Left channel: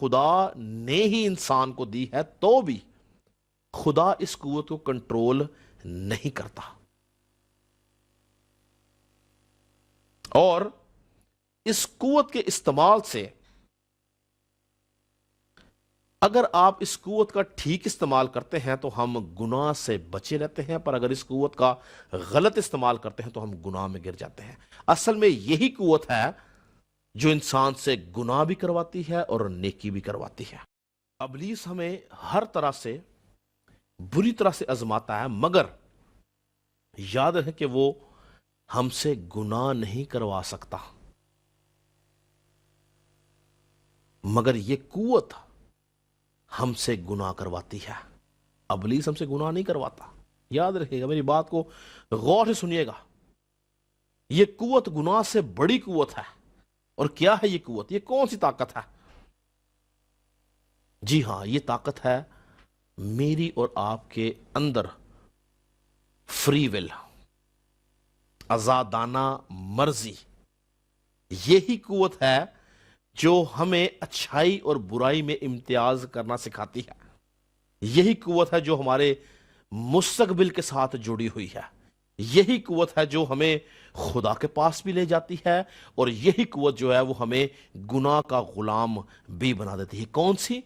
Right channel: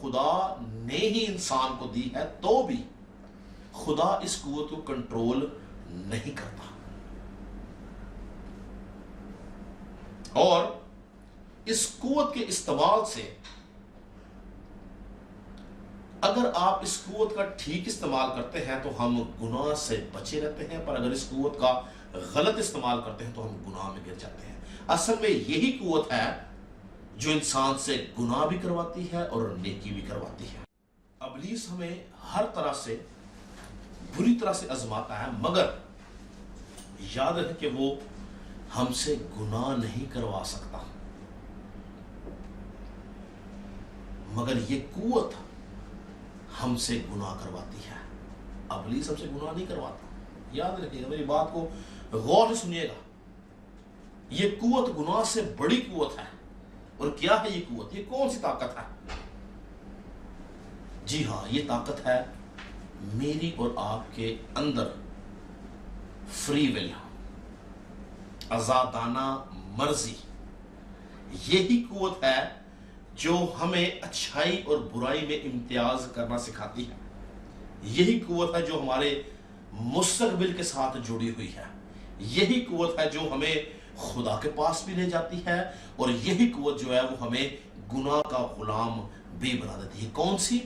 خدا نے ہی انسان کو دی ہے تو بھی خدا اس قوت کو کنٹرول نہیں کرتا، اور اس قوت کے استعمال سے اگر آپ اس قوت کا ٹھیک استعمال کرتے ہیں تو ہم گناہ سے بچے رہتے ہیں، پر اگر اس قوت کا غلط استعمال کرتے ہیں تو ہم گناہ میں گر جاتے ہیں۔ اصل میں یہی قوت ہے جو انسان سے گناہ بھی کرواتی ہے اور نیکی بھی کرواتی ہے۔ ابلیس ہمیں ہر طرح سے بری طرح سے آزماتا ہے، مگر یاد رکھیں کہ وہ ہم سے گناہ نہیں کروا سکتا، مگر یہ قوت ہم سے گناہ کرواتی ہے۔ ابلیس ہم سے گناہ نہیں کرواتا، یاد رکھیے گا، میری بات کو غور سے سنیے گا۔ یہ قوت گناہ سے بڑی قوت ہے۔ اور کیا ہے یہ قوت؟ یہ کون سی طاقت ہے؟ جی ہاں، یہ طاقت ہے میری اور آپ کے اندر فری ول، آزادانہ مرضی۔ یہی قوت ہے جو ہمیں اچھائی اور برائی میں امتیاز کرنا سکھاتی ہے۔ یہی قوت ہے جو ہمارے مستقبل کے ساتھ جڑی ہوئی ہے۔ یہی قوت ہے جو ہمیں خدا کے پاس بھی لے جاتی ہے، اور یہی قوت جو ہے وہ ہمیں گناہ کا غلام بھی بنا دیتی ہے۔ کون سی؟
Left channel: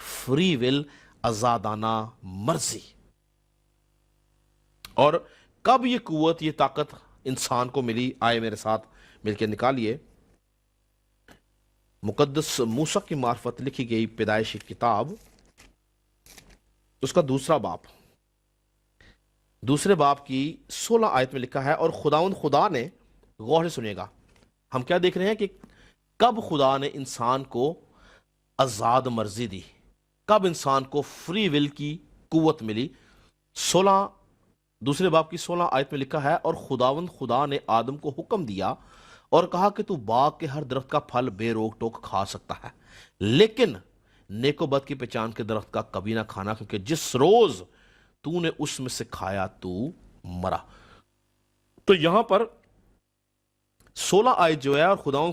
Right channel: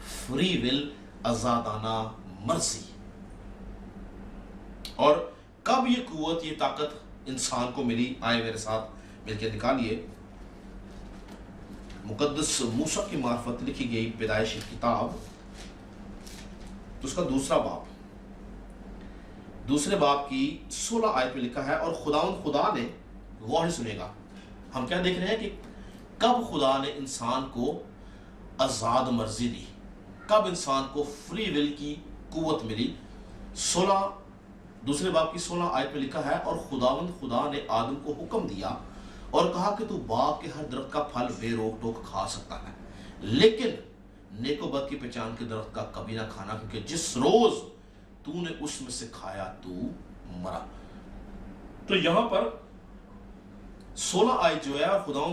فری ول، آزادانہ مرضی۔ اور کب یہ قوت، یہ طاقت انسان کو ملی؟ آئے میرے ساتھ مل کے نکالیے مقدس موسیٰ کی معرفت لکھی گئی پیدائش کی کتاب، اس کا دوسرے باب کی 16 آیت میں لکھا ہے، اور خدا نے، غور سے سنیے گا، ہم کیا دیکھ رہے ہیں کہ کب خدا نے انسان کو آزاد مرضی دی، کب انسان کو فری ول کی قوت ملی۔ دوسرے باب کی 16 آیت میں لکھا ہے، اور خدا نے آدم کو حکم دیا اور کہا کہ تو باغ کے ہر درخت کا پھل بے روک ٹوک کھا سکتا ہے، لیکن نیک و بد کی پہچان کے درخت کا کبھی نہ کھانا، کیونکہ جس روز تو نے اس میں سے کھایا تو مرا۔ تو یہاں پر 16 آیت جو ہے،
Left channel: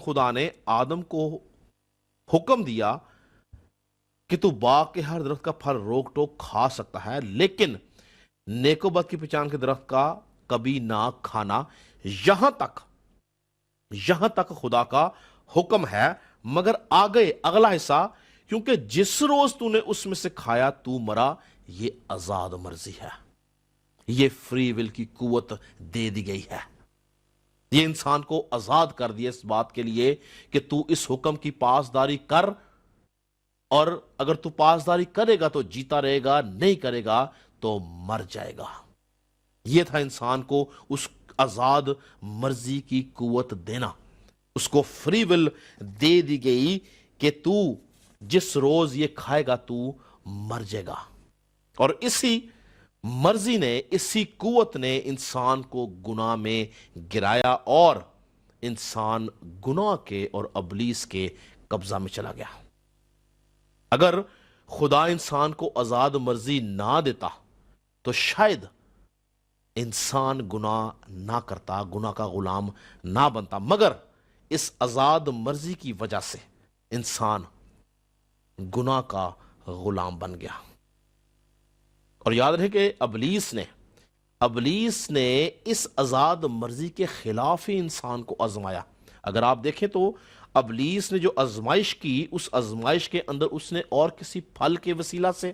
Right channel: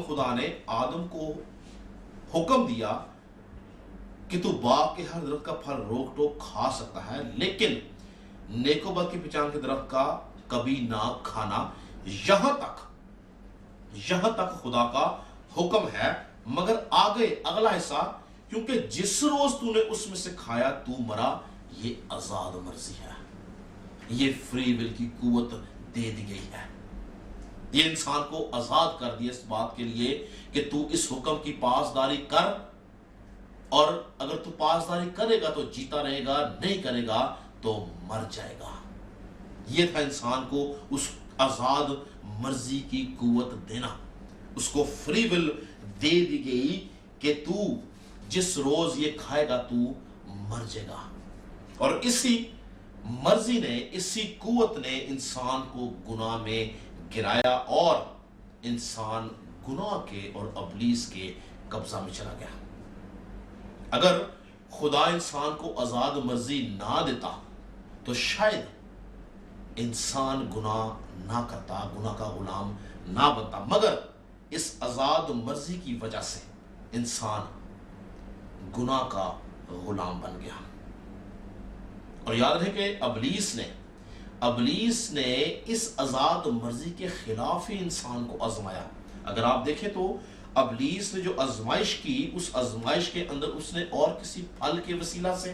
خدا نے آدم کو حکم دیا کہ تو باغ کے ہر درخت کا پھل روک ٹوک کھا سکتا ہے، لیکن نیک و بد کی پہچان کے درخت کا کبھی نہ کھانا، یہاں تک خدا کا حکم ہے۔ مگر آگے اگلا حصہ، کیونکہ جس روز تو نے اس میں سے کھایا تو مرا، یہ آزاد مرضی ہے، یہ فری ول کی قوت دے دی گئی ہے۔ یہ انسان کو آزاد کر دیا اس بات کے لیے کہ تو اس حکم کی پاسداری کر، اور اگر تو پاسداری کرے گا تو جیتا رہے گا، نہیں کرے گا تو مر جائے گا۔ یہ تھا انسان کو اس آزاد مرضی کی قوت دینا، اس کو فری ول دے دی گئی کہ تو جس روز یہ کھائے گا تو مر جائے گا۔ اور اسی مرضی نے، اسی قوت نے انسان کو گناہ میں گرایا، اور انسان گناہ کے اور ابلیس کے قبضہ میں چلا گیا۔ اگر خدا انسان کو آزاد مرضی نہ دیتا تو شاید انسان گناہ نہ کرتا، گناہ کا غلام نہ بنتا، مگر اس آزاد مرضی کی وجہ سے انسان گناہ کا غلام بن گیا۔ اور یاد رہے کہ ابلیس نے اس آزاد مرضی کے خلاف ہی انسان کو آزمایا۔ اگر آپ دیکھیں تو ابلیس نے جو آزمائش کی، اس آزمائش کے اندر اس نے اور کسی پھل کے وسیلہ سے،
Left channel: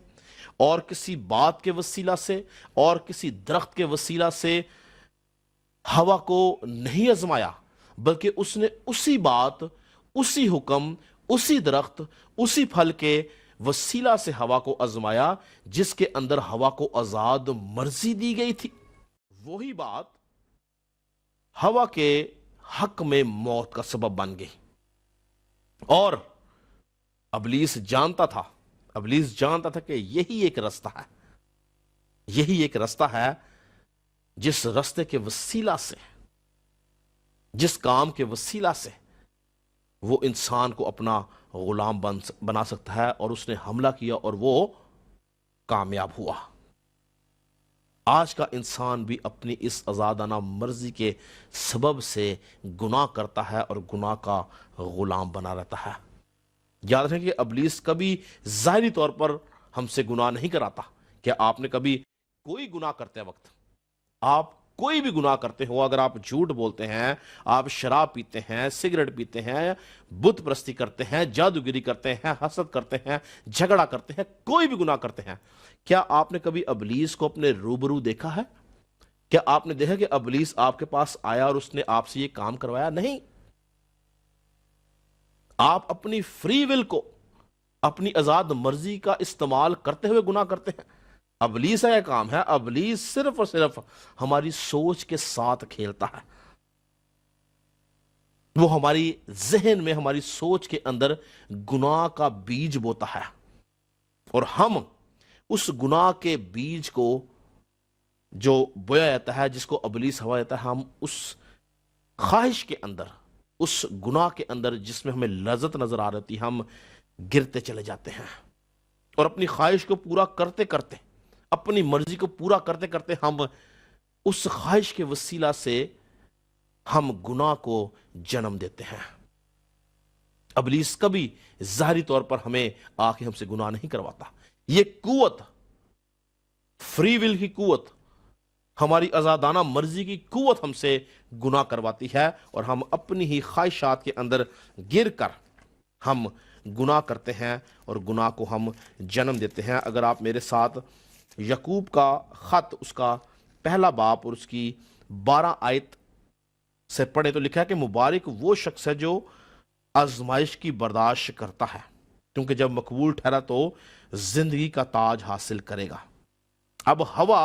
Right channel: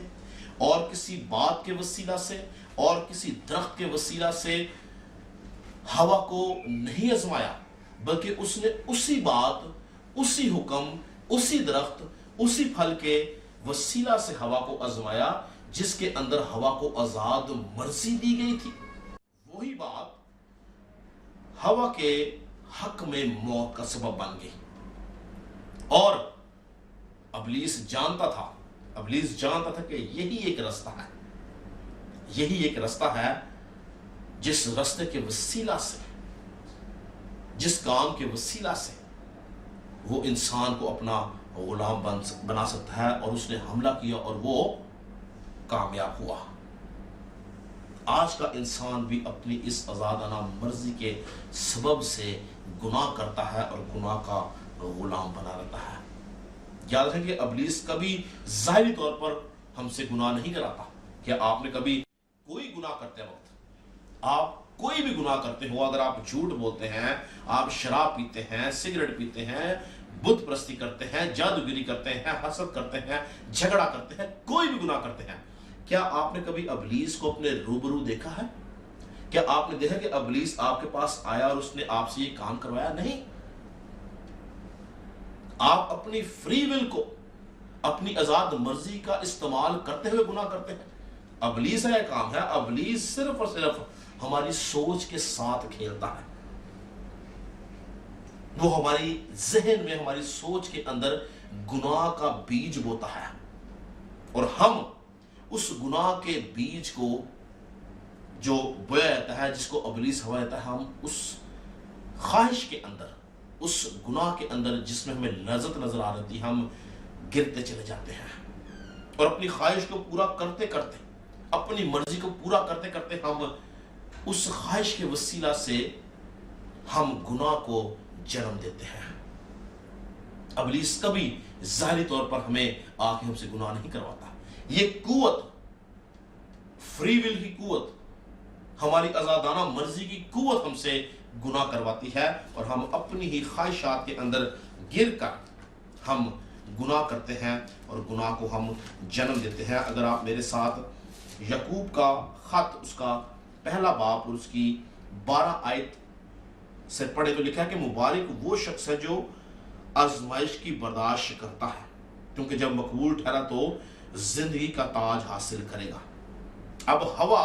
اور کسی بات کے وسیلہ سے، اور کسی درخت کے وسیلہ سے ہوا کو نہیں آزمایا، بلکہ اس نے اسی بات، اسی حکم، اسی درخت، اسی پھل کے وسیلہ سے ہوا کو آزمایا، جس کے اندر ہوا کو آزاد مرضی دی گئی تھی۔ وہی بات ہوا کے حق میں موت کا سبب بن گئی۔ اور ابلیس جانتا تھا کہ یہی ایک رستہ ہے جس رستے کے وسیلہ سے، جس کام کے وسیلہ سے وہ انسان کو اپنا غلام بنا سکتا ہے، اور اس نے حملہ کیا اور وہ کامیاب ہوا۔ آج کا انسان بھی اپنی اس آزادانہ مرضی کے سبب سے گناہ کرتا ہے اور گناہ کا غلام بنا رہتا ہے۔ یاد رکھیں کہ ابلیس کبھی ظاہری طور پر ہم سے گناہ نہیں کراتا. کیا آپ نے کبھی کوئی گناہ کرتے وقت، آپ کوئی بھی گناہ کرتے ہو، اگر آپ جھوٹ بولتے ہیں، آپ شراب پیتے ہیں، سگریٹ پیتے ہیں، بت پرستی کرتے ہیں، جادوگری کرتے ہیں، حسد کرتے ہیں، جھگڑا کرتے ہیں، کوئی بھی گناہ کرتے ہیں، کیا آپ نے کبھی ابلیس کو اپنے روبرو دیکھا ہے؟ کیا آپ نے دیکھا کہ ابلیس آپ کے پاس آیا اور اس نے آپ سے یہ کام کروایا؟ نہیں. آپ اپنی فری ول کو، اپنی آزاد مرضی کا استعمال کرتے ہوئے گناہ کرتے ہیں. ابلیس کا یہ کام ہے، ابلیس صرف اور صرف ہماری سوچ کے ساتھ کھیلتا ہے. وہ ہماری ذہن میں، ہماری سوچ کے اندر گناہ کا بیج بوتا ہے، اور ہم اس گناہ کے بیج کو جو بویا جاتا ہے، جس کو ابلیس ہوا جاتا ہے، ہم اس خواہش کے اندر، اس گناہ کے اندر جس میں ہمیں لذت نظر آ رہی، ہم گرتے چلے جاتے ہیں. اور اپنی خواہش کو پورا کرتے کرتے، اپنی مرضی کو پورا کرتے کرتے، ہم اس خواہش کے وسیلہ سے ہم گناہ کو جنم دیتے ہیں. ابلیس کبھی ظاہری طور پر ہمیں آ کے ہم سے گناہ نہیں کرواتا. یہ قوت، فری ول کی قوت، ہماری آزادانہ مرضی کی قوت ہم سے گناہ کرواتی ہے، اور ہم اپنی ہی خواہشات کے اندر گر کر ہم گناہ کرتے ہیں، اور گناہ کو ہم جنم دیتے ہیں. اگر آپ میرے ساتھ یعقوب کا خط، اس کا پہلا باب اور اس کی 12 آیت سے پڑھے تو لکھا ہے کہ مبارک وہ شخص ہے جو آزمائش کی برداشت کرتا ہے، کیونکہ جب مقبول ٹھہرا تو زندگی کا تاج حاصل کرے گا. اب ہوا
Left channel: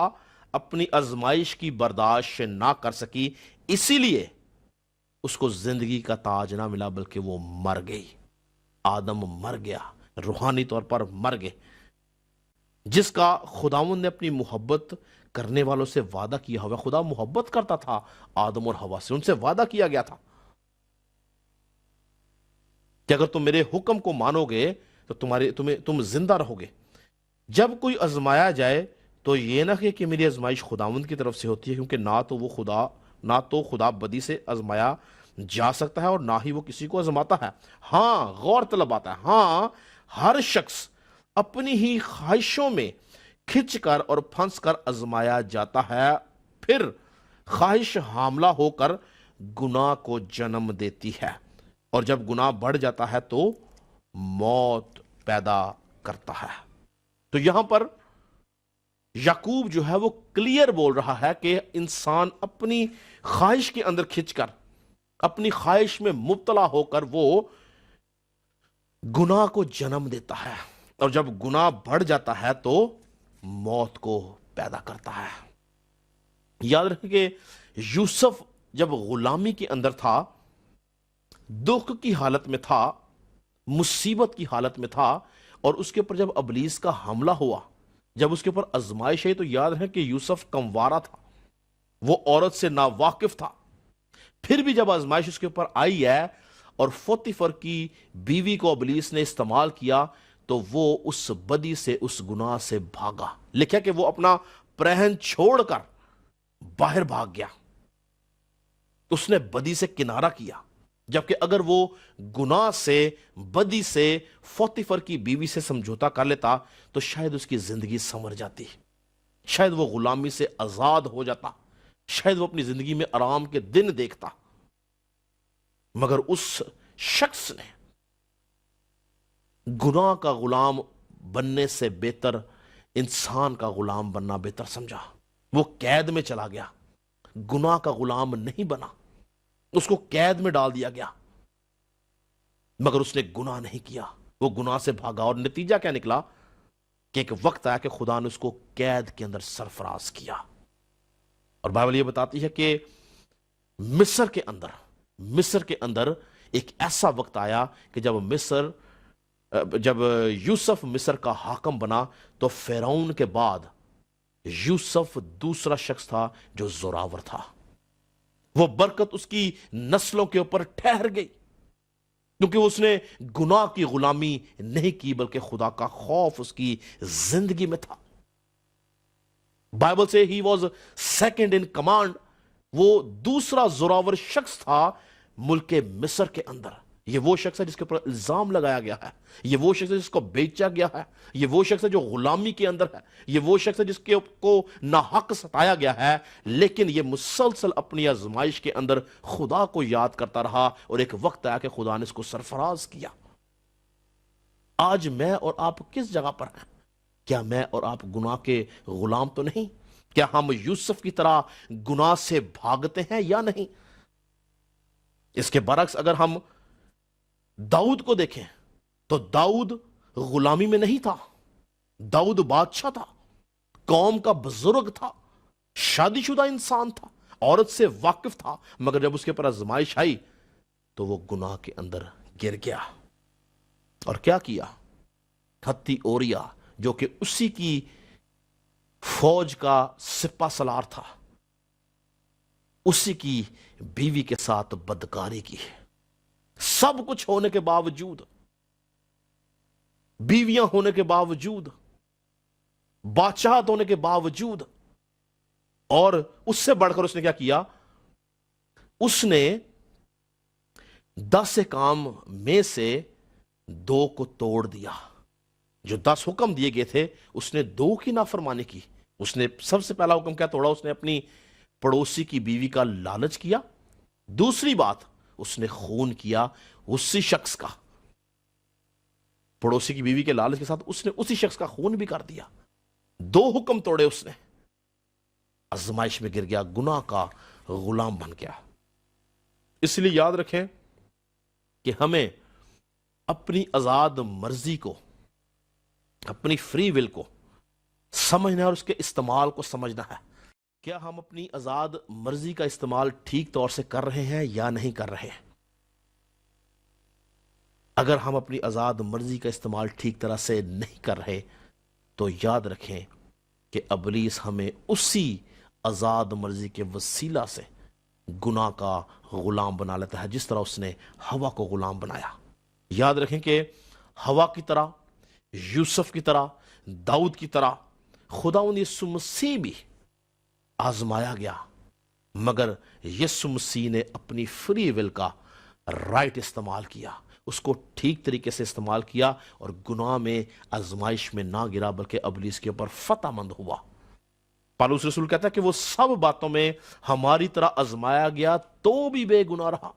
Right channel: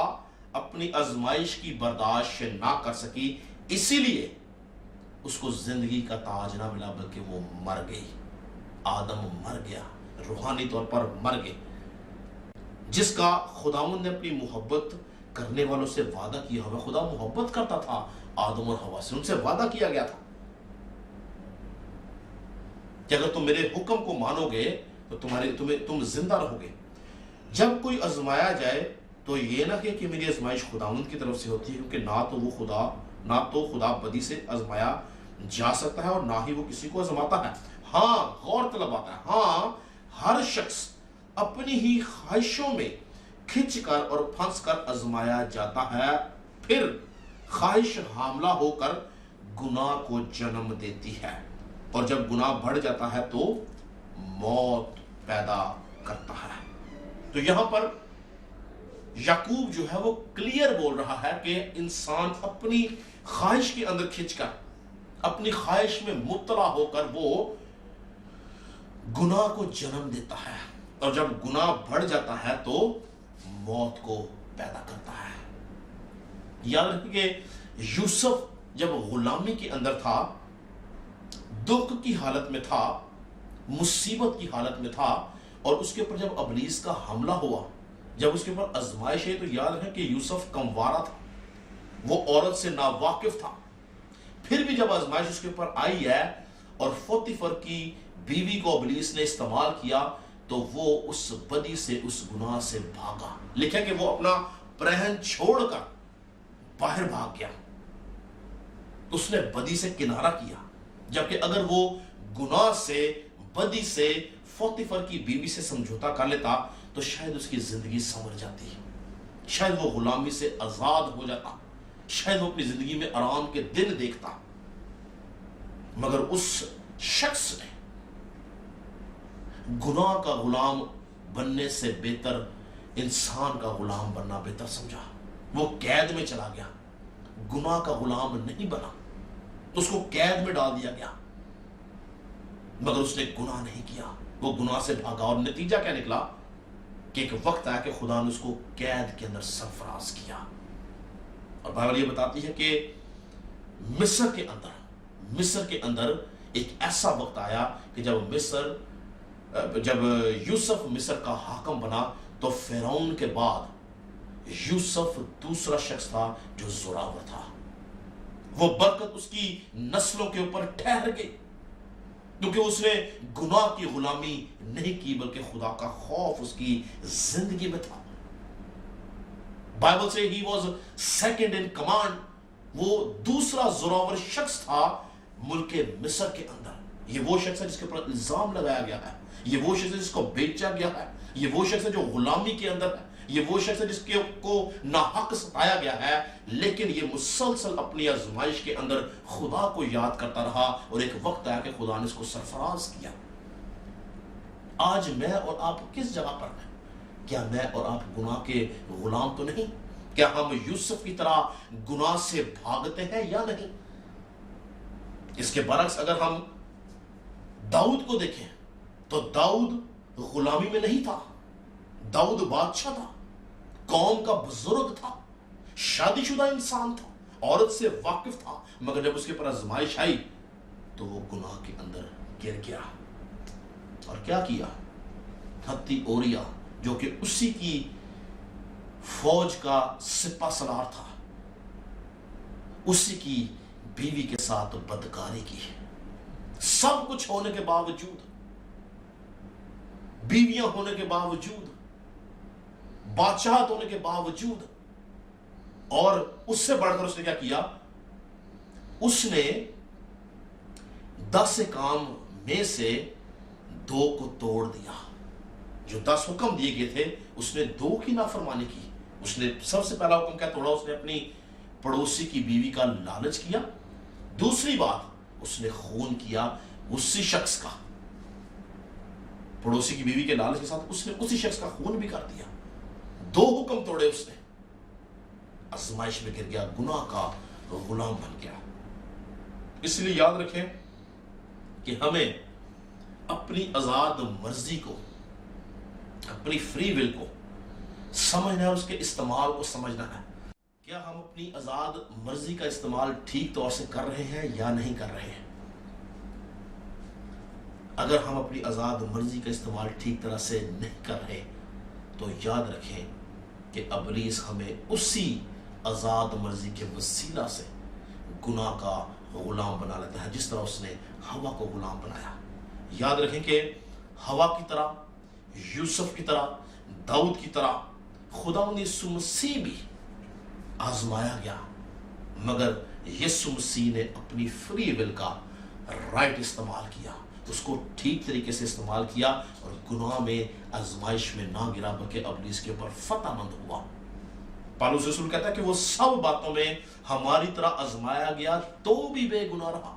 اپنی آزمائش کی برداشت نہ کر سکی، اسی لیے اس کو زندگی کا تاج نہ ملا، بلکہ وہ مر گئی. آدم مر گیا، روحانی طور پر مر گئے. جس کا خداوند نے اپنی محبت کرنے والوں سے وعدہ کیا ہوا، خدا محبت کرتا تھا آدم اور حوا سے، ان سے وعدہ کیا گیا تھا کہ اگر تم میرے حکم کو مانو گے تو تم زندہ رہو گے. جب کوئی آزمایا جائے تو یہ نہ کہ میری آزمائش خداوند کی طرف سے ہوتی ہے، کیونکہ نہ تو خدا بدی سے آزمایا جا سکتا ہے، اور نہ ہی وہ کسی کو آزماتا ہے. ہاں، غور طلب آتا ہے، ہاں ہر شخص اپنی ہی خواہشوں میں کھچ کر اور پھنس کر آزمایا جاتا ہے، پھر خواہش حاملہ ہو کر گناہ کو جنم دیتی ہے، اور جب گناہ بڑھ جاتا ہے تو موت پیدا کرتا ہے. تو یہاں پر یعقوب جو ہے وہ کلیئر بول رہا ہے کہ انسان اپنی خواہش کے اندر کھچ کر، اپنی خواہش میں مبتلا ہو کر وہ گناہ کو جنم دیتا ہے، اور جب گناہ بڑھ جاتا ہے تو موت کو پیدا کرتا ہے. یاد رکھیں کہ یوسف جب غلامی کے اندر تھا، دکھ کی حالت میں تھا، مصیبت کی حالت میں تھا، اور اس کے اوپر جب ابلیس کا حملہ ہوا، جب اس کے اوپر آزمائش ہے، تو یاد ہے کہ یوسف کموارا تھا، وہ عورت سے ناواقف تھا. پھر بھی جب آزمائش اس کے اوپر آئی ہے اور پوتیفر کی بیوی کو ابلیس نے استعمال کیا، تو وہ اس بدی سے، اس گناہ سے بھاگا. لکھا کہ وہ اپنا پرہن چھوڑ کر باہر بھاگ گیا، اس نے بدی سے کنارہ کیا. جبکہ اگر وہ گناہ سے، بدی سے، پوتیفر کی بیوی سے سمجھوتا کر لیتا تو شاید اس کی زندگی سنور جاتی، شاید وہ غلامی سے آزاد ہو جاتا، شاید وہ اپنی زندگی میں آرام کے دن دیکھتا. مگر اس شخص نے گناہ کا غلام بننے سے بہتر انسان کا غلام بننا بہتر سمجھا. وہ قید میں چلا گیا، گناہ کا غلام نہیں بنا، اس کو قید میں ڈال دیا گیا، مگر اس نے گناہ نہیں کیا، وہ گناہ سے بھاگا. اور نتیجہ کیا نکلا کہ ایک وقت آیا کہ خدا نے اس کو قید کے اندر سرفراز کیا. اور بائبل یہ بتاتی ہے کہ مصر کے اندر ایک ایسا وقت آیا کہ جب یوسف مصر کا حاکم بنا تو فرعون کے بعد یوسف دوسرا شخص تھا جو زوراور تھا. وہ برکت اس کی نسلوں کے اوپر ٹھہر گئی، کیونکہ اس نے گناہ کی غلامی نہیں کی، بلکہ خدا کا خوف اس کی زندگی میں تھا. بائبل سے he was second in command, وہ دوسرا زوراور شخص تھا ملک مصر کے اندر. یہ وہ شخص ہے جس کے اوپر الزام لگایا گیا ہے، یہ وہ شخص ہے جس کو بیچا گیا ہے، یہ وہ شخص ہے جو غلامی کے اندر ہے، یہ وہ شخص ہے جس کو ناحق ستایا گیا ہے، لیکن یہ مسلسل اپنی آزمائش کے اندر خدا کو یاد کرتا رہا، اور ایک وقت آیا کہ خدا نے اس کو سرفراز کیا۔ آج میں اور آپ کس جگہ پر ہیں؟ کیا میں اور آپ گناہ کے غلام تو نہیں؟ کیا ہم یوسف کی طرح گناہ سے بھاگتے ہیں یا نہیں؟ اس کے برعکس اگر ہم داؤد کو دیکھیں تو داؤد غلامی میں نہیں تھا، داؤد بادشاہ تھا، قوم کا بزرگ تھا، شادی شدہ انسان تھا، عورت سے واقف تھا، مگر جب اس کے پر آزمائش آئی تو وہ گناہ کے اندر گر گیا۔ اور کیا کیا؟ ہتی اوریا جو کہ اسی کی فوج کا سپہ سالار تھا، اسی کی بیوی کے ساتھ بدکاری کی۔ سب کچھ ہونے کے باوجود، بیویاں ہونے کے باوجود، بادشاہت ہونے کے باوجود، اور اس سے بڑھ کر اس نے کیا کیا؟ اس نے 10 کام میں سے 2 کو توڑ دیا۔ جو 10 حکم دیے گئے تھے اس نے 2 کی نافرمانی کی۔ اس نے سب سے پہلا حکم کیا توڑا؟ اس نے اپنی پڑوسی کی بیوی کا لالچ کیا۔ دوسری بات، اس نے خون کیا اسی شخص کا، پڑوسی کی بیوی کے لالچ کے ساتھ اس نے اسی شخص کا خون بھی کر دیا۔ 2 حکم توڑے اس نے، آزمائش میں گر گیا، گناہ کا غلام بن گیا۔ اس لیے یاد رکھیں کہ ہمیں اپنی آزاد مرضی کو، اپنی فری ول کو سمجھنا ہے اور اس کے استعمال کو سمجھنا ہے۔ کیا ہم اپنی آزاد مرضی کا استعمال ٹھیک طور سے کر رہے ہیں یا نہیں کر رہے ہیں؟ اگر ہم اپنی آزاد مرضی کا استعمال ٹھیک طرح سے نہیں کر رہے تو یاد رکھیں کہ ابلیس ہمیں اسی آزاد مرضی کے وسیلہ سے گناہ کا غلام بنا لیتا ہے، جس طرح اس نے ہوا کو غلام بنایا۔ یاد رکھیں کہ ہوا کی طرح، یوسف کی طرح، داؤد کی طرح خداوند یسوع مسیح بھی آزمایا گیا، مگر یسوع مسیح نے اپنی فری ول کا رائٹ استعمال کیا، اس کو ٹھیک طریقے سے استعمال کیا، اور گناہ میں آزمائش میں نہ گرا بلکہ ابلیس کے اوپر فتح مند ہوا۔ پالوس رسول کہتا ہے کہ وہ سب باتوں میں ہماری طرح آزمایا گیا تو بھی بے گناہ رہا۔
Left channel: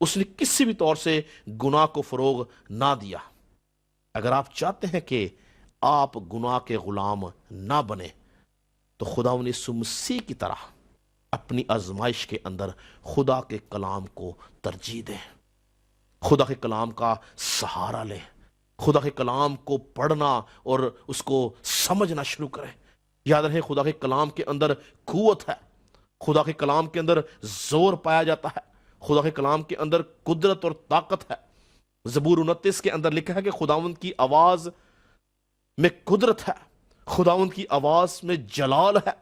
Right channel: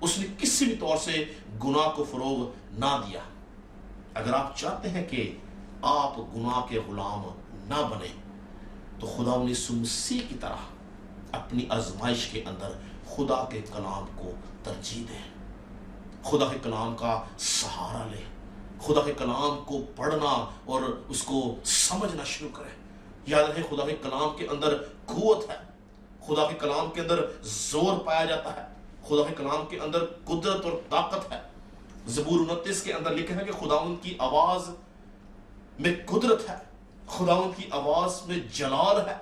اس نے کسی بھی طور سے گناہ کو فروغ نہ دیا۔ اگر آپ چاہتے ہیں کہ آپ گناہ کے غلام نہ بنیں تو خداوند یسوع مسیح کی طرح اپنی آزمائش کے اندر خدا کے کلام کو ترجیح دیں، خدا کے کلام کا سہارا لیں، خدا کے کلام کو پڑھنا اور اس کو سمجھنا شروع کریں۔ یاد رکھیں خدا کے کلام کے اندر قوت ہے، خدا کے کلام کے اندر زور پایا جاتا ہے، خدا کے کلام کے اندر قدرت اور طاقت ہے۔ زبور 29 کے اندر لکھا ہے کہ خداوند کی آواز میں قدرت ہے، خداوند کی آواز میں جلال ہے،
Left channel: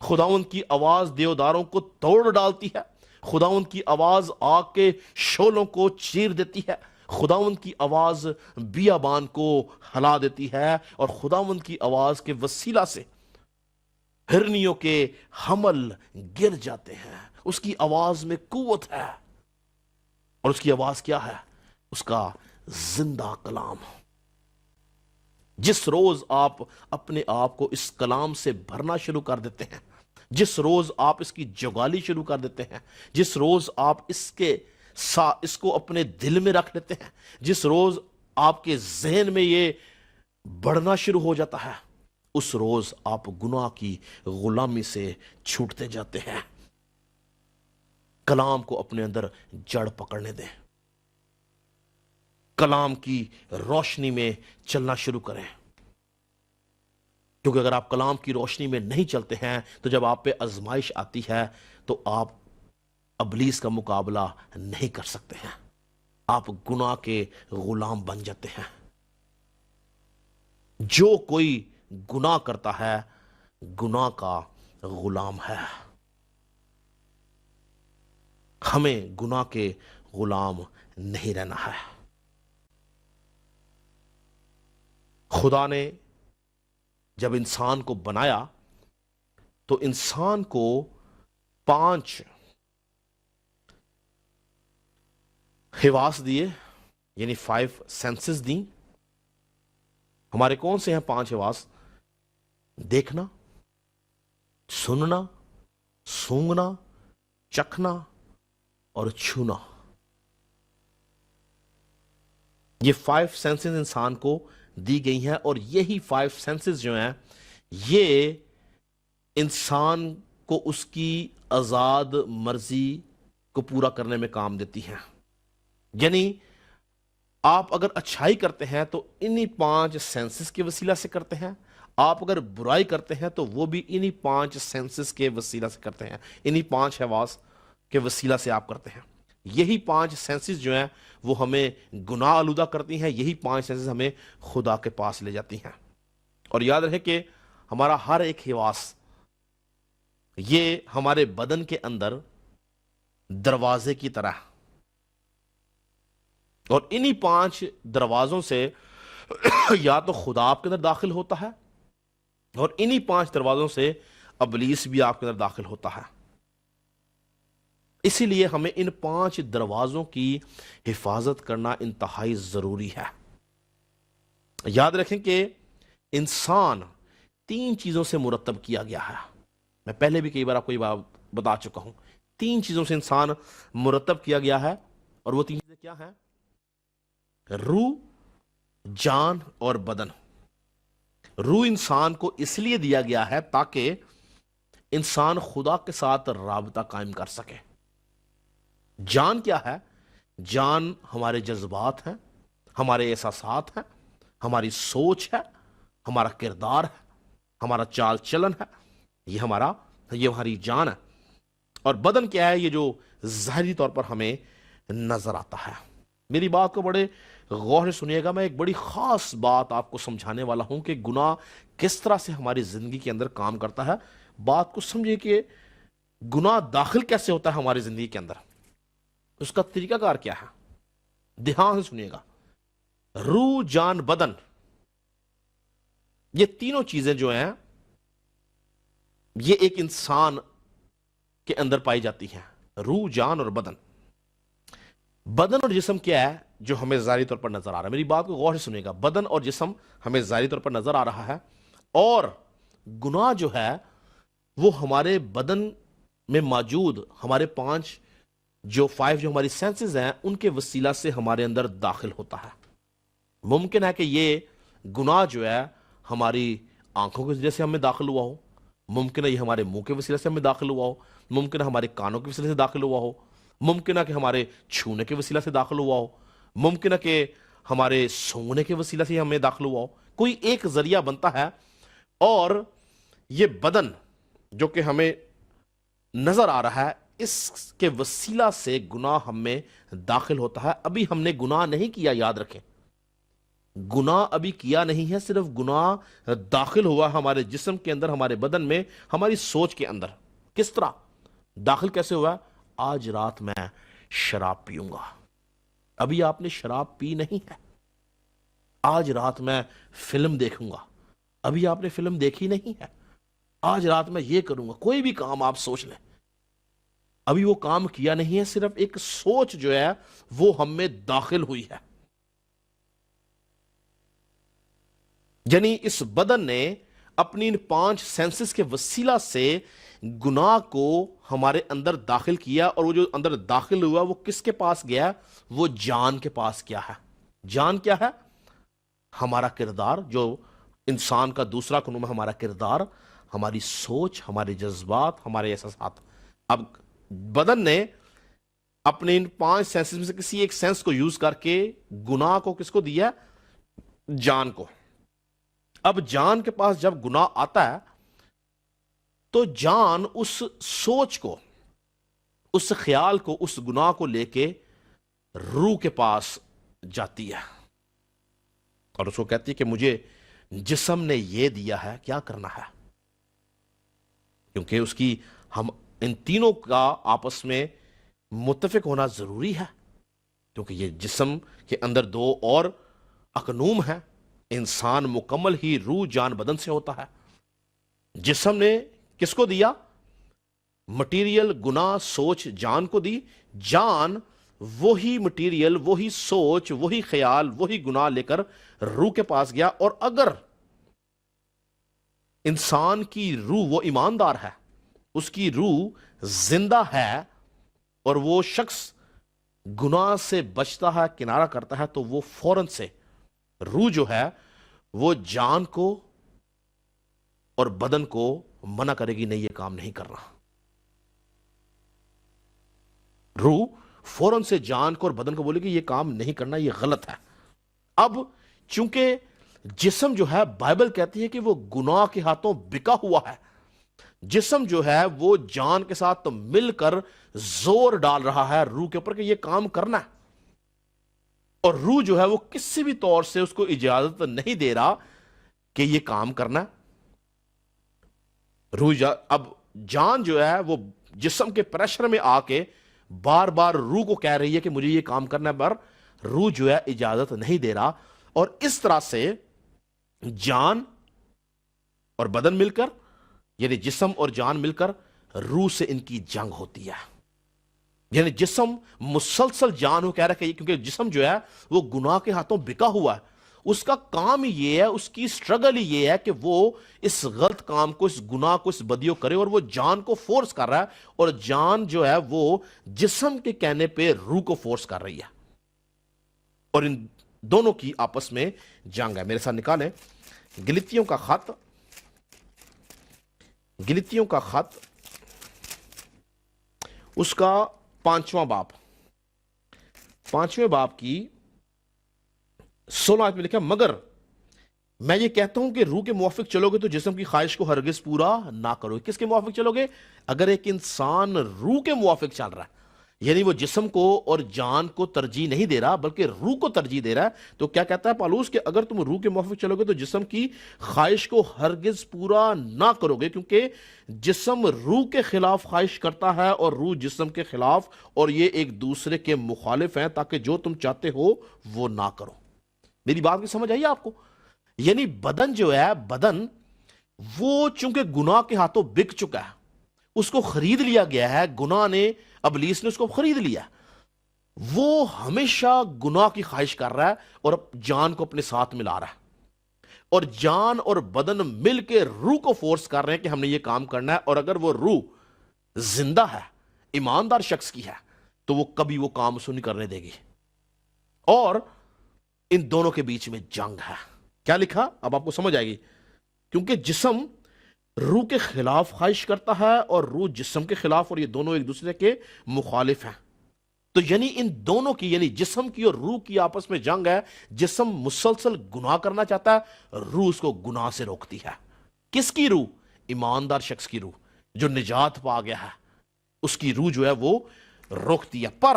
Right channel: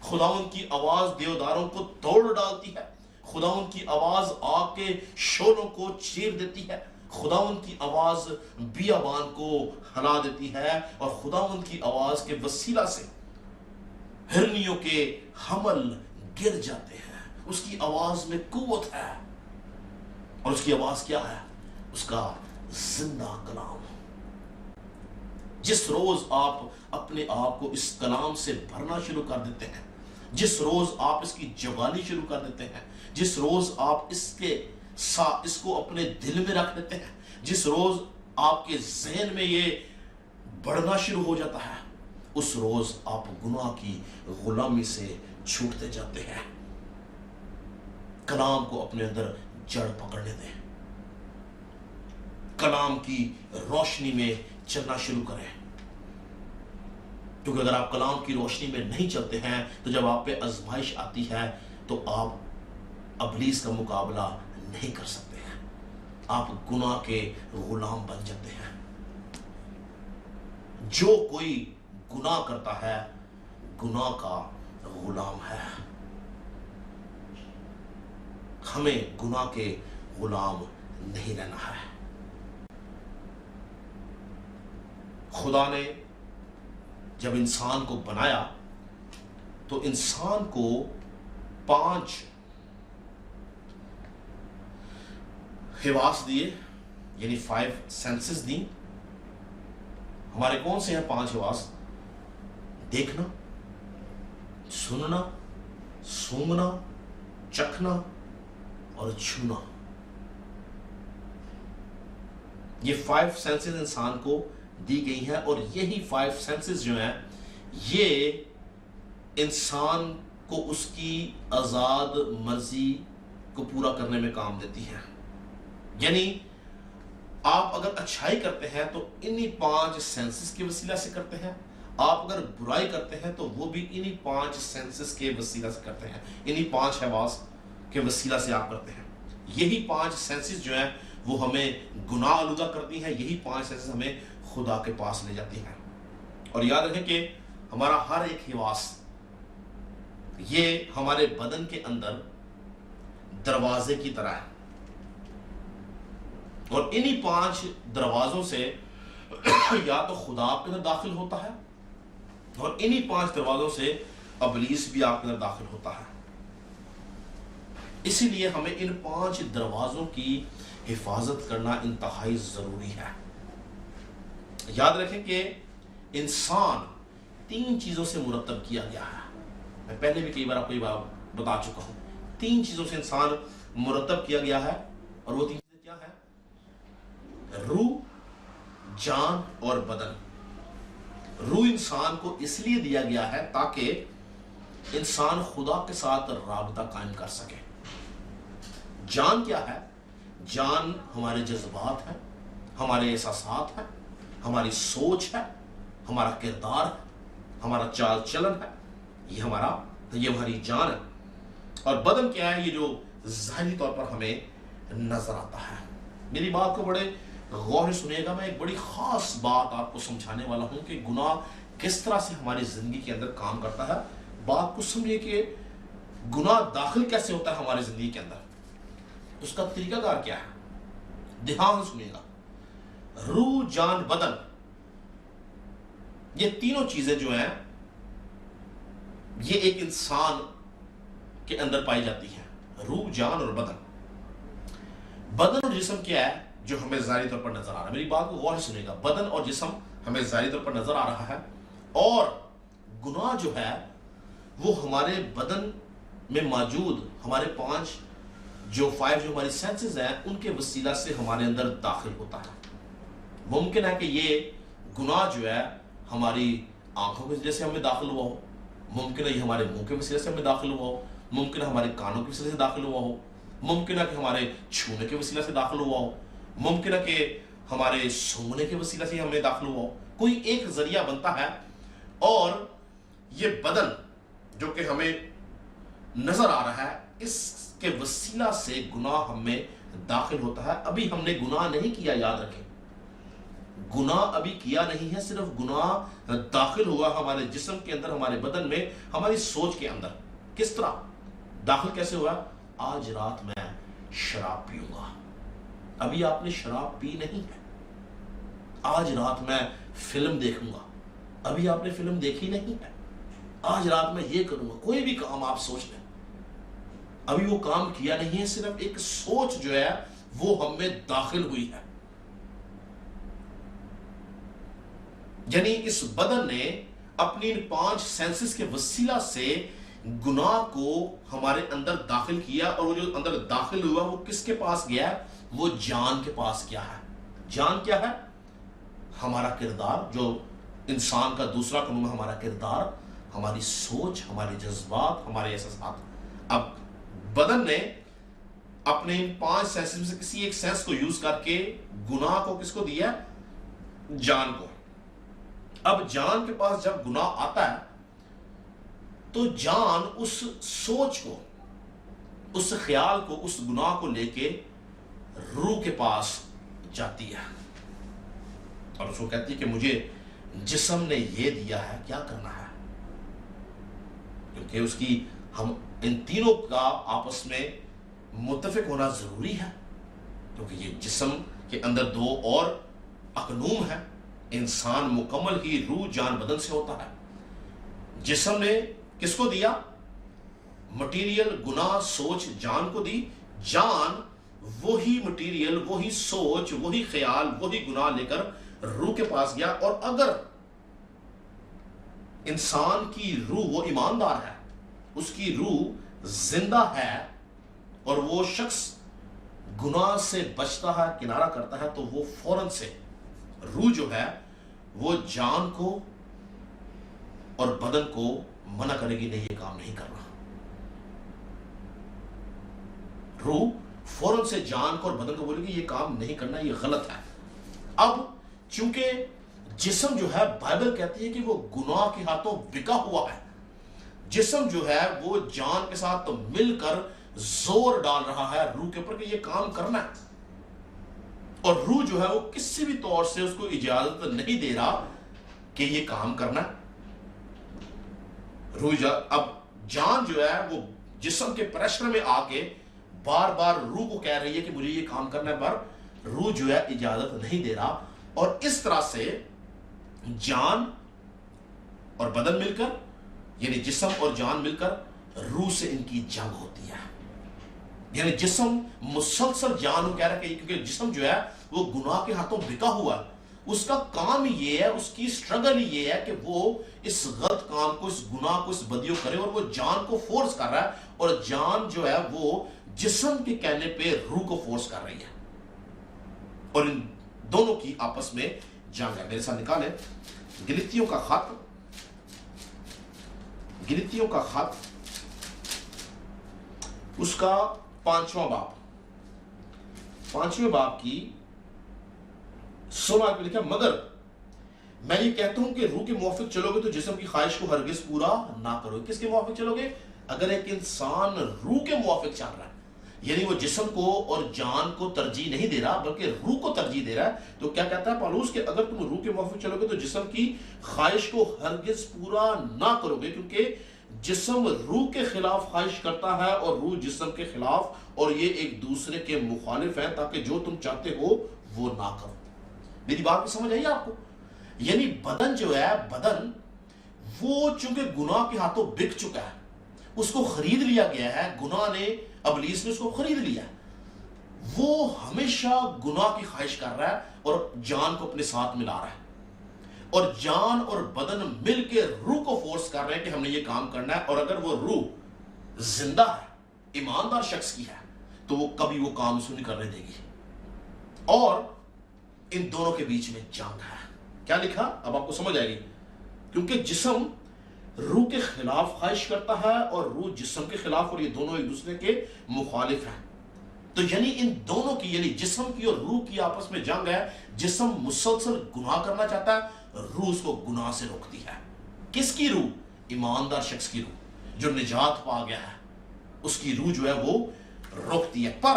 خداوند کی آواز دیوداروں کو توڑ ڈالتی ہے، خداوند کی آواز آگ کے شعلوں کو چیر دیتی ہے، خداوند کی آواز بیابان کو ہلا دیتی ہے، اور خداوند کی آواز کے وسیلہ سے ہرنیوں کے حمل گر جاتے ہیں۔ اس کی آواز میں قوت ہے، اور اس کی آواز کیا ہے؟ اس کا زندہ کلام۔ جس روز آپ اپنے آپ کو اس کلام سے بھرنا شروع کر دیتے ہیں، جس روز آپ اس کی جگالی شروع کر دیتے ہیں، جس روز آپ اس کو اپنے دل میں رکھ لیتے ہیں، جس روز آپ کے ذہن میں یہ بڑھنا شروع ہو جاتا ہے، اس روز آپ گناہ کی غلامی سے چھوٹتے جاتے ہیں۔ کلام کو اپنے اندر جڑ پکڑنے دیں، کلام کی روشنی میں چلنا شروع کریں، کیونکہ اگر آپ کلام کی روشنی میں نہیں چلتے ہیں تو جب آپ پہ آزمائش آتی ہے تو آپ ابلیس کا مقابلہ نہیں کر سکتے ہیں، آپ گناہ کے غلام بن جاتے ہیں۔ جو کوئی گناہ کرتا ہے گناہ کا غلام ہے۔ ہمیں گناہ کے غلام نہیں رہنا ہے۔ خدا نے جب انسان کو بنایا تو انسان کو 5 حواس دیے یعنی 5 سینسز دی. ہمارے کون سے ہیں 5 حواس؟ دیکھنا، سننا، سونگنا، چکھنا اور چھونا. یہ 5 سینسز انسان کو دی گئی ہیں، اور یہی 5 سینسز جو ہیں یہ انسان کو اس کی آزاد مرضی کو پورا کرنے میں کام دیتی ہیں. یعنی آپ اگر اچھائی کرتے ہیں تو انہی 5 سینسز کے وسیلہ سے کرتے ہیں، آپ اگر برائی کرتے ہیں تو وہ بھی انہی 5 سینسز کے وسیلہ سے کرتے ہیں، انہی 5 حواس کے وسیلہ سے آپ کرتے ہیں. یہی 5 سینسز جو ہیں وہ ہمیں گناہ آلودہ کرتی ہیں، یہی 5 سینسز ہمیں خدا کے پاس لے جاتی ہیں. اور یاد رکھیں کہ ہمارا ہر ایک حواس یہ ہمارے بدن کے اندر دروازے کی طرح ہے، اور انہی 5 دروازوں سے یا تو خدا آپ کے اندر داخل ہوتا ہے، اور انہی 5 دروازوں سے ابلیس بھی آپ کے اندر داخل ہوتا ہے. اسی لیے ہمیں ان 5 دروازوں کی حفاظت کرنا انتہائی ضروری ہے. یاد رکھیں کہ انسان 3 چیزوں سے مرتب کیا گیا ہے. میں پہلے بھی کئی بار آپ کو یہ بات بتا چکا ہوں. 3 چیزوں سے انسان مرتب کیا گیا ہے، اور وہ 3 چیزیں کیا ہیں؟ روح، جان اور بدن. روح انسان کو اس لیے دیا گیا ہے تاکہ انسان خدا کے ساتھ رابطہ قائم کر سکے. جان کیا ہے؟ جان ہمارے جذبات ہیں، ہمارے احساسات ہیں، ہماری سوچ ہے، ہمارا کردار ہے، ہمارا چال چلن ہے، یہ ہماری جان ہے. اور بدن کیا ہے؟ یہ جو ظاہری طور پر ہمیں نظر آتا ہے. میری بات کو بڑے غور سے سنیے گا. میں ایک بڑی خاص بات آپ کو سمجھانے والا ہوں کہ گناہ کس طرح سے ہماری زندگی کے اندر کام کرتا ہے. بات کو سمجھے کہ گناہ داخل کیسے ہوتا ہے ہماری زندگی کے اندر، اس کا طریقہ کار کیا ہے. دھیان سے سنیے گا. روح، جان، بدن، یہ تینوں چیزیں جو ہیں یہ ایک انسان کے اندر پائی جاتی ہیں. روح، جان اور بدن. بدن اور جسم کیا ہے؟ جو ہمیں ظاہری طور پر نظر آ رہا ہے. میری بات کو غور سے سنیے گا. بدن اور جسم ہمیں ظاہری طور پر نظر آ رہا ہے، اور گناہ جو ہے وہ ہمارے بدن میں موجود ہمارے 5 جو ہماری سینسز ہیں ان کے وسیلہ سے ہمارے اندر داخل ہوتا ہے. ممکن ہے کہ یہ گناہ جو ہے ہماری آنکھوں کے وجہ سے ہمیں داخل ہوا ہو، ممکن ہے یہ ہمارے منہ کے وسیلہ سے ہمیں داخل ہوا ہو، ممکن ہے ہمارے کانوں کے وسیلہ سے داخل ہوا ہو، ممکن ہے کہ ہمارے چھونے کے وسیلہ سے داخل ہوا ہو، ممکن ہے کہ ہمارے سونگنے کے وسیلہ سے ہمیں داخل ہوا ہو. کوئی ایک ذریعہ بنتا ہے، اور یہ بدن جو کہ ہمیں نظر آ رہا ہے اس کے وسیلہ سے گناہ ہمیں داخل ہوتا ہے. ابھی ہم نے گناہ نہیں کیا، یاد رکھیں گناہ ابھی کیا نہیں ہے، صرف گناہ داخل ہوا ہمارے جسم کے اندر، ہمارے بدن میں، ہماری سوچ کے اندر. کس طرح داخل کیسے ہوا؟ آج رات میں شراب پیوں گا. ابھی آپ نے شراب پی نہیں ہے. آج رات میں فلم دیکھوں گا. ابھی آپ نے فلم دیکھی نہیں ہے. آج رات میں یہ کروں گا. کوئی بھی کام آپ سوچ لیں، ابھی وہ کام کیا نہیں ہے، صرف ایک سوچ جو ہے وہ ہم میں داخل ہوئی ہے. یعنی اس بدن نے اپنی ان 5 سینسز کے وسیلہ سے گناہ کو ہمارے اندر داخل کیا، اور وہ جو اندر داخل ہوا وہ کس کے پاس گیا؟ وہ جان کے پاس کیا ہے. جان کیا ہے؟ ہمارا کردار. جو انسان کا دوسرا قانون ہے ہمارا کردار، ہماری سوچ، ہمارے جذبات، ہمارے احساسات. اب بدن نے اپنے ان 5 سینسز میں سے کسی ایک سینس کو یوز کر کے گناہ کو کس کو دیا؟ جان کو. اب جان کے پاس جب گناہ آتا ہے تو جان اس سوچ کو، اس خیال کو، اس گناہ کو لے کے روح کے پاس جاتی ہے، اور اس کو کہتی ہے کہ مجھے جسم نے یہ دیا ہے، کیا کرنا ہے. کیونکہ اس کی ہم ان تینوں کا آپس میں متفق ہونا ضروری ہے، کیونکہ یہ جسم کے اندر 2 اور اقنوم ہیں. انسان مکمل ہی روح، جان، بدن سے ہوتا ہے. جسم نے کس کو دیا؟ مٹیریل، گناہ، سوچ جان کو دی. جان وہی مٹیریل، وہی سوچ، وہی خیال، وہی گناہ لے کر روح کے پاس گیا. اور اگر انسان کی روح، وہ ایماندار ہے، اس کی روح زندہ ہے، اور وہ شخص گناہ سے بچتا ہے، کنارہ کرتا ہے، تو وہ فوراً سے روح جو ہے وہ جان کو اور بدن کو منع کرے گی، نہیں یہ کام نہیں کرنا. روح فوراً سے جان کو اور بدن کو بولے گی یہ کام نہیں کرنا، یہ غلط ہے. اب چونکہ جسم جو ہے، بائبل کہتی ہے کہ وہ گناہ کے ہاتھوں بکا ہوا ہے. جسم جو ہے وہ جان کے ساتھ مل کر زور ڈال رہا ہے روح کے اوپر کہ یہ کام کرنا ہے، اور روح جو ہے وہ کسی بھی طور سے اس کو اجازت نہیں دے رہا کہ یہ کام کرنا ہے. اب جان جو ہے وہ جسم کے پریشر میں آ کے بار بار روح کو کہہ رہی ہے کہ مجھے یہ کام کرنا ہے، پر روح جو ہے اجازت نہیں دے رہا. اور اس طرح سے جان اور بدن مل کر، یعنی جسم اور جان مل کر روح سے ان کی جنگ ہوتی ہے. یعنی جسم مسلسل جان کو کہہ رہا ہے کہ کیونکہ جسم جو ہے وہ گناہ کے ہاتھوں بکا ہوا ہے، اس کا کام یہ ہے، اس کی سٹرگل یہ ہے کہ وہ اس غلط کام کو، اس گناہ کو، اس بدیوں کرے، اور وہ جان کو فورس کر رہا ہے، اور جان جو ہے وہ جسم کے کہنے پہ روح کو فورس کر رہی ہے، اور ان دونوں کی آپس میں جنگ ہے. میرے ساتھ نکالیں گلتیوں کا خط، گلتیوں کا خط اس کا 5واں باب، 5ویں باب کی 16 میں لکھا، مگر میں یہ کہتا ہوں کہ روح کے موافق چلو گے تو جسم کی خواہش کو ہرگز پورا نہ کرو. کس کے موافق چلو گے؟ اگر ایک انسان روح کے موافق چل رہا ہے، یعنی وہ جسم کو اور جان کو ترجیح نہیں دے رہا بلکہ روح کو ترجیح دے رہا ہے، تو کیا کہتا ہے پالوس کہ اگر تم روح کے موافق چلو گے تو جسم کی خواہش کو ہرگز پورا نہ کرو گے، کیونکہ جسم روح کے خلاف خواہش کرتا ہے اور روح جسم کے خلاف، اور یہ ایک دوسرے کے مخالف ہیں تاکہ جو تم چاہتے ہو وہ نہ کرو. میری بات بھی سمجھ آئی آپ کو؟ یعنی بدن جو ہے، بدن وہ چونکہ گناہ کے ہاتھوں بک چکا ہے، اس کو خرید لیا گیا ہے، گناہ نے، ابلیس نے اس کو خرید لیا، وہ ہمیشہ گناہ کی خواہش کر رہا ہے اور جان کو اپنے ساتھ ملا رہا ہے، اور جان اور بدن مل کے روح کو فورس کر رہے ہیں کہ ہم نے یہ کام کرنا ہے. اور اگر وہ روح زندہ ہے، ایماندار شخص کی ہے، تو وہ کبھی وہ کام اس کو نہیں کرنے دے گی. اور ان دونوں کے بیچ میں جنگ ہے. کیا لکھا؟ اب آپ کو سمجھ آئے گی. کیونکہ جسم روح کے خلاف خواہش کرتا ہے اور روح جسم کے خلاف، اور یہ دونوں ایک دوسرے کے مخالف ہیں. تو یعنی ان دونوں کی، یعنی جسم کی اور روح کی آپس میں جنگ ہے. جسم مسلسل گناہ کرنا چاہتا ہے، روح اس کو گناہ سے روکتی ہے. کس کی روح؟ ایماندار شخص کی روح جو نجات پا گیا ہے، اس کی روح جو ہے وہ روکتی ہے. پر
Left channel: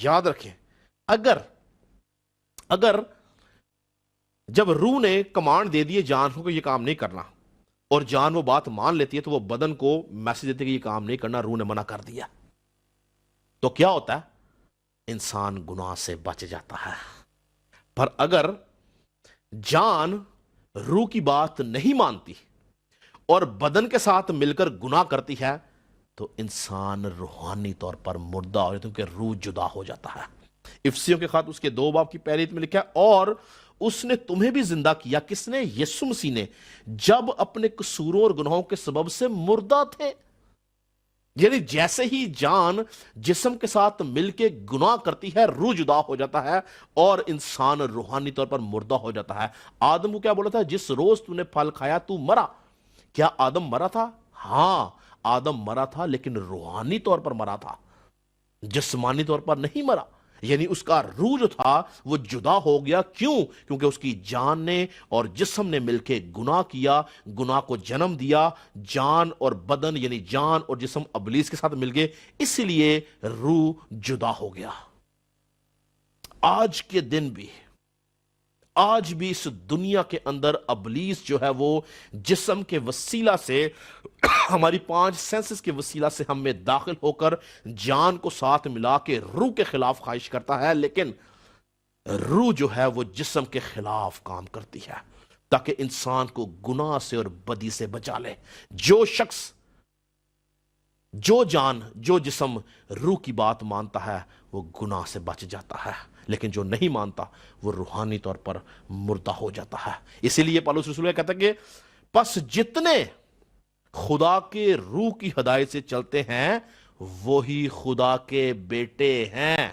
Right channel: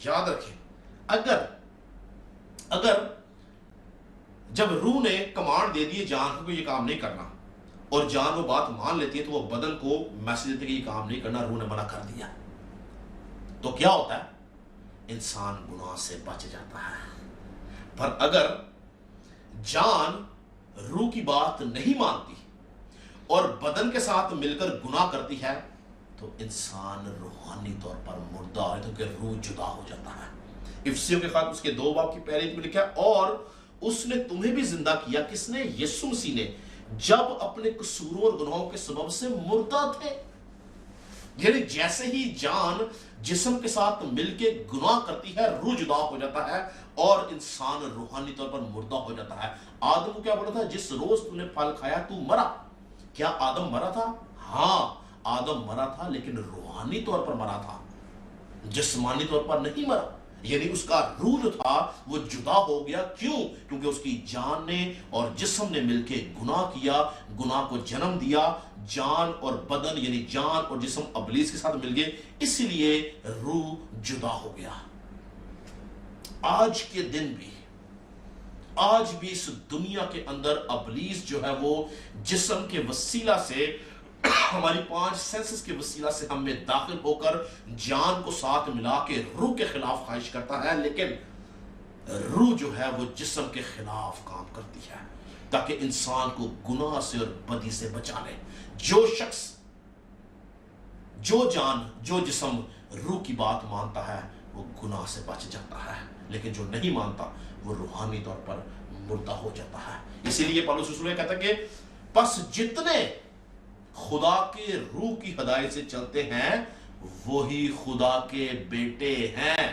یاد رکھیں، اگر جب روح نے کمانڈ دے دیے جان کو یہ کام نہیں کرنا، اور جان وہ بات مان لیتی ہے، تو وہ بدن کو میسج دیتے کہ یہ کام نہیں کرنا، روح نے منع کر دیا، تو کیا ہوتا ہے؟ انسان گناہ سے بچ جاتا ہے. پر اگر جان روح کی بات نہیں مانتی اور بدن کے ساتھ مل کر گناہ کرتی ہے، تو انسان روحانی طور پر مردہ ہو جاتا ہے، کیونکہ روح جدا ہو جاتا ہے. افسیوں کے خط اس کے 2 باب کی پہلی آیت میں لکھا ہے، اور اس نے تمہیں بھی زندہ کیا. کس نے؟ یسوع مسیح نے، جب اپنے قصوروں اور گناہوں کے سبب سے مردہ تھے. یعنی جیسے ہی جان جسم کے ساتھ مل کے گناہ کرتی ہے، روح جدا ہو جاتا ہے اور انسان روحانی طور پر مردہ ہو جاتا ہے. آدم کو کیا بولا تھا؟ جس روز تو نے پھل کھایا تو مرا. کیا آدم مرا تھا؟ ہاں، آدم مرا تھا، لیکن روحانی طور پر مرا تھا، جسمانی طور پر نہیں مرا. یعنی اس کا روح جو تھا وہ جدا ہو گیا. کیوں؟ کیونکہ اس کی جان نے اور جسم نے مل کے گناہ کیا، گناہ کو جنم دیا. جان اور بدن، یعنی جان اور جسم ابلیس کے ساتھ مل گئے، اس لیے روح جدا ہو گیا. آج کے دن بھی، آج بھی اس دنیا کے اندر ابلیس جو ہے وہ جسم کے وسیلہ سے، ہماری 5 سینسز کے وسیلہ سے ہم میں داخل ہو کر جان کو ساتھ ملا کے روح کے خلاف خواہش کرتا ہے، لیکن روح جو ہے وہ جسم کے خلاف کام کرتی ہے تاکہ انسان کو گناہ سے اور بدی سے بچا لے. جو شخص، جو جان، جو جسم روح کی بات مانتا ہے، وہ گناہ سے بچ جاتا ہے، لیکن جو نہیں مانتا وہ روحانی طور پر مردہ ہو جاتا ہے۔ اسی لیے پالوس رسول کہتا ہے کہ پس جتنے خدا کے روح کی ہدایت سے چلتے ہیں وہی خدا کے بیٹے ہیں۔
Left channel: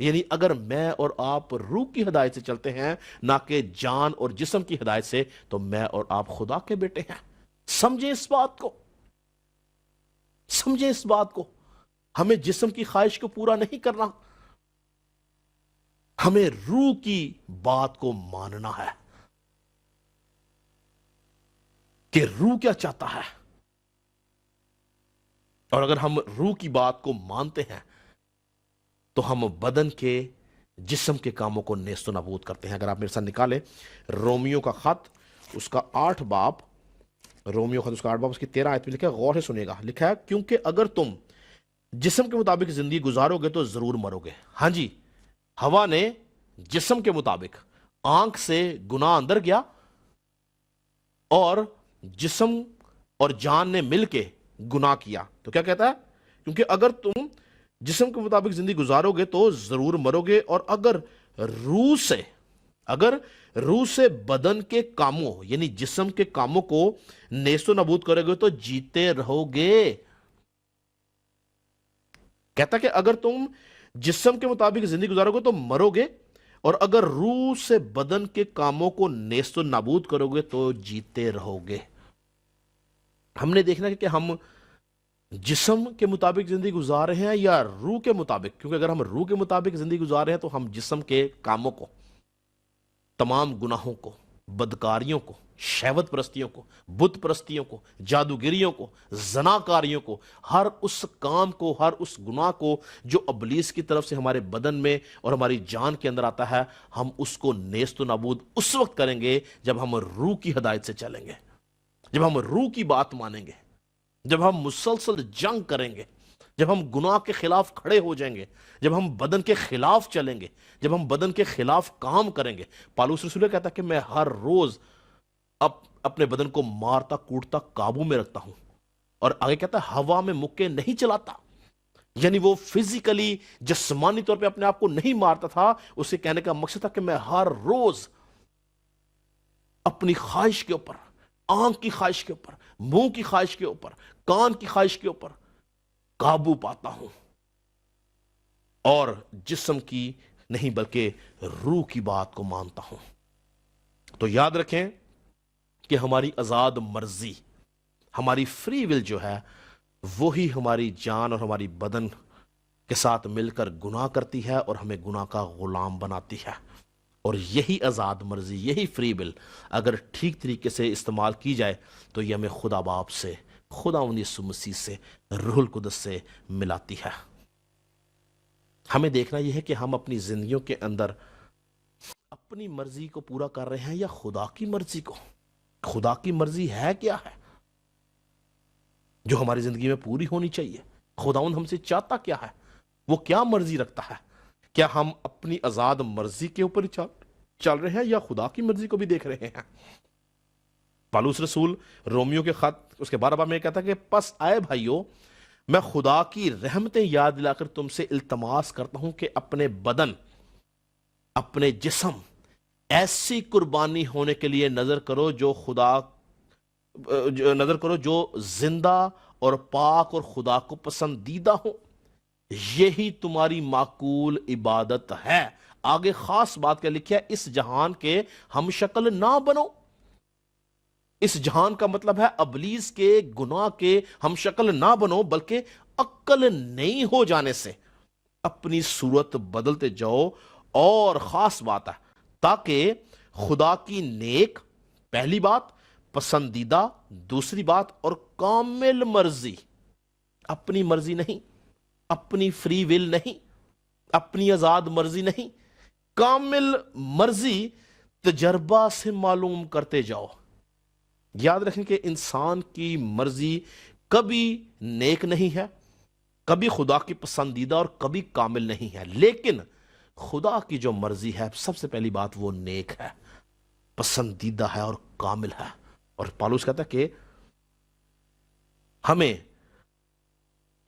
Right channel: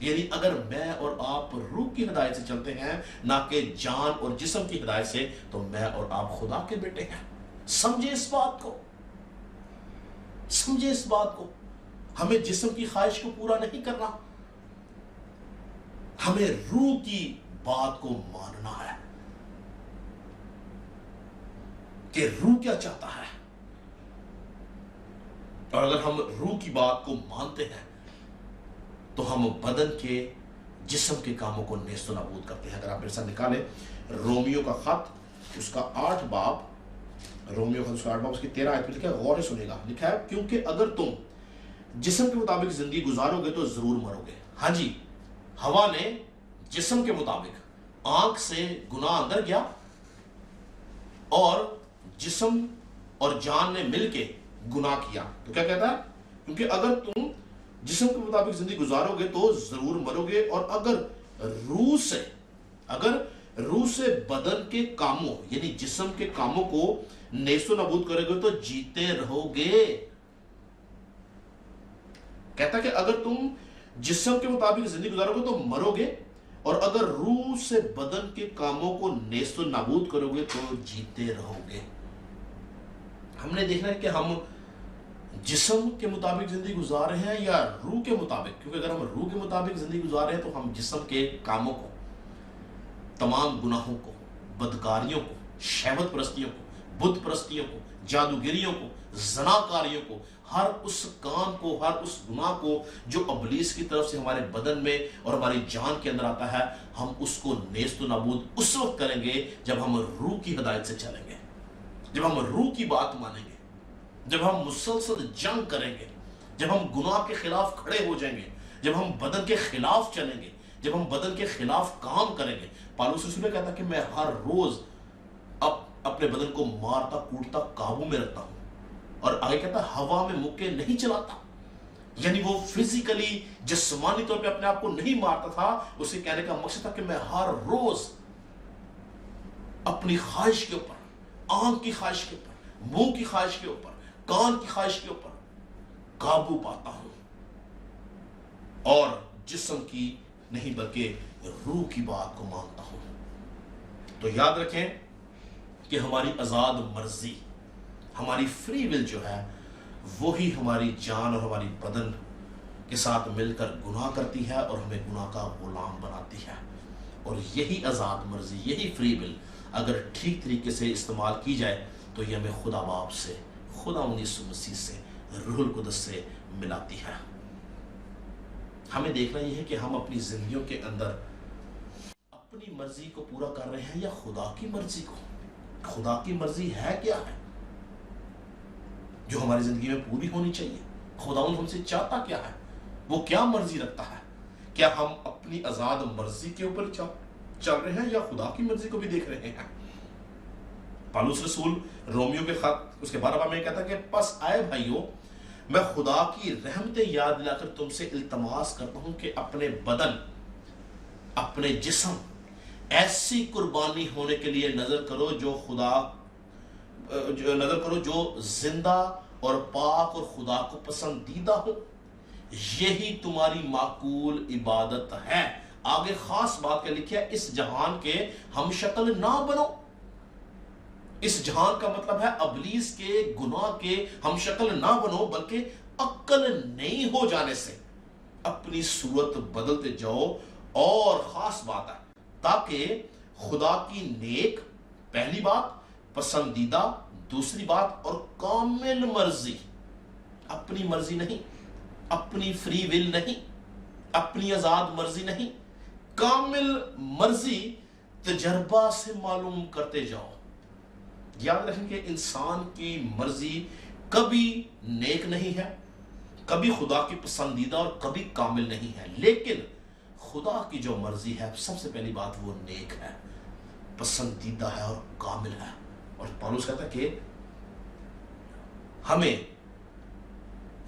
یعنی اگر میں اور آپ روح کی ہدایت سے چلتے ہیں نہ کہ جان اور جسم کی ہدایت سے، تو میں اور آپ خدا کے بیٹے ہیں۔ سمجھیں اس بات کو، سمجھیں اس بات کو۔ ہمیں جسم کی خواہش کو پورا نہیں کرنا، ہمیں روح کی بات کو ماننا ہے کہ روح کیا چاہتا ہے۔ اور اگر ہم روح کی بات کو مانتے ہیں تو ہم بدن کے جسم کے کاموں کو نیست و نابود کرتے ہیں۔ اگر آپ میرے ساتھ نکالیں رومیو کا خط اس کا 8 باب، رومیو خط اس کا 8 باب اس کی 13 آیت میں لکھا ہے، غور سے سنیے گا۔ لکھا ہے کیونکہ اگر تم جسم کے مطابق زندگی گزارو گے تو ضرور مرو گے۔ ہاں جی، ہوا نے جسم کے مطابق آنکھ سے گناہ اندر گیا اور جسم اور جان نے مل کے گناہ کیا، تو کیا کہتا ہے؟ کیونکہ اگر تم جسم کے مطابق زندگی گزارو گے تو ضرور مرو گے، اور اگر روح سے بدن کے کاموں یعنی جسم کے کاموں کو نیست و نابود کرو گے تو جیتے رہو گے۔ کہتا کہ اگر تم جسم کے مطابق زندگی گزارو گے تو مرو گے، اور اگر روح سے بدن کے کاموں کو نیست و نابود کرو گے تو جیتے رہو گے۔ ہم نے دیکھنا ہے کہ ہم جسم کے مطابق زندگی گزار رہے ہیں یا روح کے مطابق، کیونکہ اگر ہم روح کے مطابق زندگی گزار رہے ہیں تو ہم جسم کے کاموں کو، تمام گناہوں کو، بدکاریوں کو، شہوت پرستیوں کو، بت پرستیوں کو، جادوگریوں کو، زناکاریوں کو، ہر اس کام کو، ہر اس گناہ کو جو ابلیس کی طرف سے ہمارے بدن میں اور ہماری جان کے اندر آتا ہے، ہم اس کو نیست و نابود اس وقت کریں گے جب ہم روح کی ہدایت سے چلیں گے، جب ہم روح کی بات مانیں گے، جب ہم مسلسل جنگ کریں گے، جب ہم گناہ کے خلاف کھڑے ہو جائیں گے، جب ہم بدن کے خلاف چلیں گے، جب ہم بدن کے خلاف کام کریں گے۔ پالوس رسول کہتا ہے کہ میں ہر روز اپنے بدن کو مارتا کوٹتا قابو میں رکھتا ہوں، اور آگے کہتا ہے ہوا میں مکے نہیں چلاتا، یعنی وہ فزیکلی جسمانی طور پہ اپنے آپ کو نہیں مارتا تھا۔ اسے کہنے کا مقصد تھا کہ میں ہر روز اپنی خواہش کے اوپر، آنکھ کی خواہش کے اوپر، منہ کی خواہش کے اوپر، کان کی خواہش کے اوپر قابو پاتا ہوں، اور جسم کی نہیں بلکہ روح کی بات کو مانتا ہوں۔ تو یاد رکھیں کہ ہماری آزاد مرضی، ہماری فری ول جو ہے، وہی ہماری جان اور ہماری بدن کے ساتھ مل کر گناہ کرتی ہے اور ہمیں گناہ کا غلام بناتی ہے۔ اور یہی آزاد مرضی، یہی فری ول اگر ٹھیک طریقے سے استعمال کی جائے تو یہ ہمیں خدا باپ سے، خدا یسوع مسیح سے، روح القدس سے ملاتی ہے۔ ہمیں دیکھنا یہ ہے کہ ہم اپنی زندگیوں کے اندر اپنی مرضی کو پورا کر رہے ہیں یا خدا کی مرضی کو۔ خدا کی مرضی ہے کیا ہے جو ہماری زندگی میں پوری ہونی چاہیے؟ خداوند ہم سے چاہتا کیا ہے؟ وہ کیا مرضی رکھتا ہے؟ کیا ہم اپنی آزاد مرضی کے اوپر چل رہے ہیں یا خدا کی مرضی کو بھی دیکھ رہے ہیں؟ پالوس رسول رومیو کے خط اس کے 12 باب میں کہتا ہے کہ پس آئے بھائیو، میں خدا کی رحمتیں یاد دلا کر تم سے التماس کرتا ہوں کہ اپنے بدن، اپنے جسم ایسی قربانی ہونے کے لیے نظر کرو جو زندہ اور پاک اور خدا کو پسندیدہ ہو، یہی تمہاری معقول عبادت ہے۔ آگے خاص بات کیا لکھا ہے؟ اس جہان کے ہم شکل نہ بنو۔ اس جہان کا مطلب ہے ابلیس کے گناہ کے ہم شکل نہ بنو، بلکہ عقل نئی ہو جانے سے اپنی صورت بدلتے جاؤ۔ اور خاص بات ہے تاکہ خدا کی نیک، پہلی بات، پسندیدہ، دوسری بات، اور کامل مرضی، اپنی مرضی نہیں، اپنی فری ول نہیں، اپنی آزاد مرضی نہیں، کامل مرضی تجربہ سے معلوم کرتے جاؤ۔ یاد رکھیں کہ انسان کی مرضی کبھی نیک نہیں ہے، کبھی خدا کی پسندیدہ اور کبھی کامل نہیں ہے، لیکن خدا کی جو مرضی ہے سب سے پہلی بات وہ نیک ہے، پسندیدہ ہے اور کامل ہے۔ اور پالوس کہتا ہے کہ ہمیں